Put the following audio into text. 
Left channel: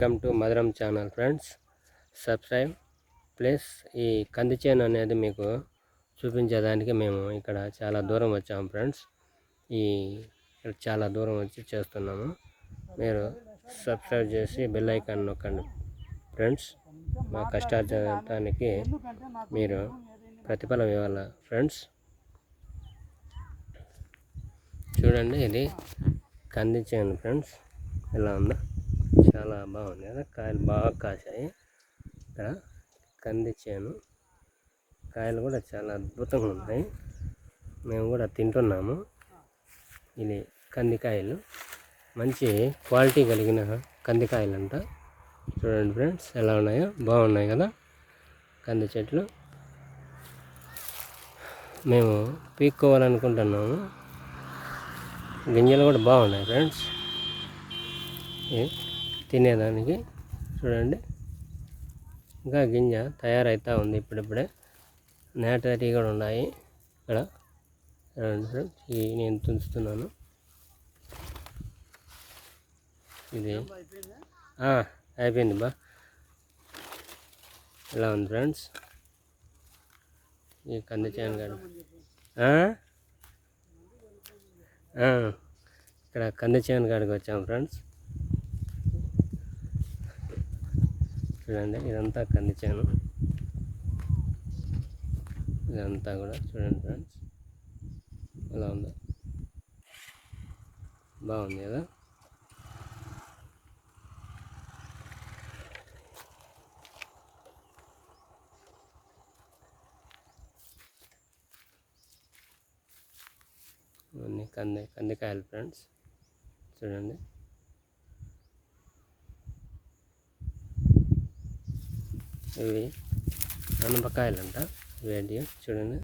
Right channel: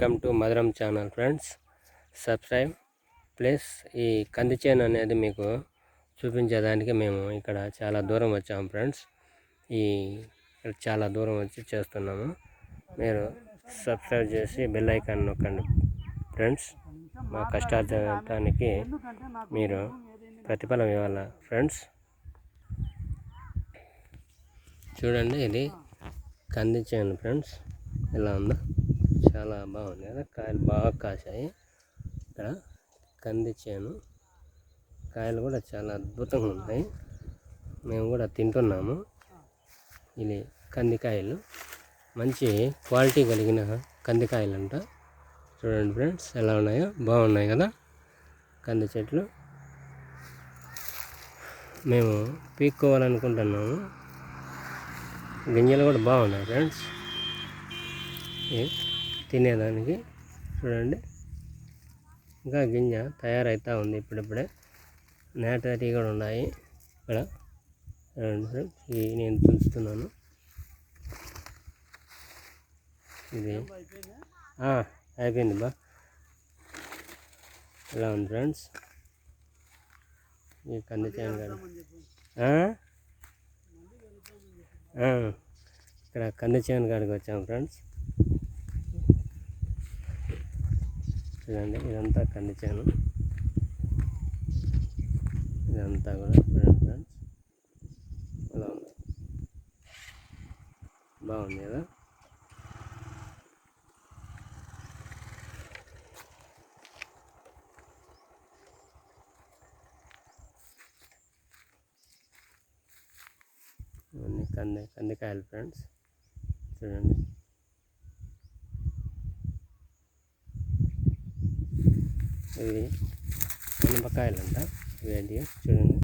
Welcome to మధురం channel friends. Subscribe plus ఈ కంది చేను అనేది మీకు చూపించేదానికి మేము ఇక్కడ చాలా దూరం వచ్చాము ఫ్రెండ్స్. ఇక్కడ చాలా దూరం వచ్చి చేస్తున్నాము. మీరు సబ్స్క్రైబ్ చేసి బెల్ ఐకాన్ నొక్కండి ఫ్రెండ్స్. మా కష్టార్జితానికి మీరు ప్రతిఫలం ఇవ్వాలి ఫ్రెండ్స్. చూడండి, ఇది కంది చేను ఫ్రెండ్స్. ఎలా ఉందో చాలా బాగుంది కదా, కాయలు బాగా కాసాయి. ఇక్కడ కంది చేను కాయలు కూడా చాలా అద్భుతంగా ఉన్నాయి. మేము కూడా తింటున్నాము. ఇది కందికాయలు, మంచి క్వాలిటీ కలిగిన కందికాయలు అంట. చూడండి ఫ్రెండ్స్, ఎలా ఉన్నాయో, బాగున్నాయి కదా కంది చెట్లు. మేము పీక్కోవాలనుకుంటున్నాము. గింజలు కూడా బాగున్నాయి ఫ్రెండ్స్ తినేదానికి. చూడండి, ఇంకా గింజ తయారవుతూ ఉంది. ఇప్పుడిప్పుడే నేటరీ కూడా ఉన్నాయి ఇక్కడ. చూడండి ఫ్రెండ్స్, నేను తుంచుతున్నాను. ఇది అయిపోయింది బా. ఎలా ఉంది ఫ్రెండ్స్ ఈ కంది చేను కాడ. ఇక్కడ కంది చేను కాడికి వచ్చాము ఫ్రెండ్స్. చూడండి, ఇదంతా కంది చేను. ఇదంతా కూడా చూడండి ఫ్రెండ్స్, ఎలా ఉందో, బాగుంది కదా. ఇవన్నీ కందికాయలు ఫ్రెండ్స్. చూడండి, ఇవి అనపకాయలు అంట. ఇవేంటి చూడండి.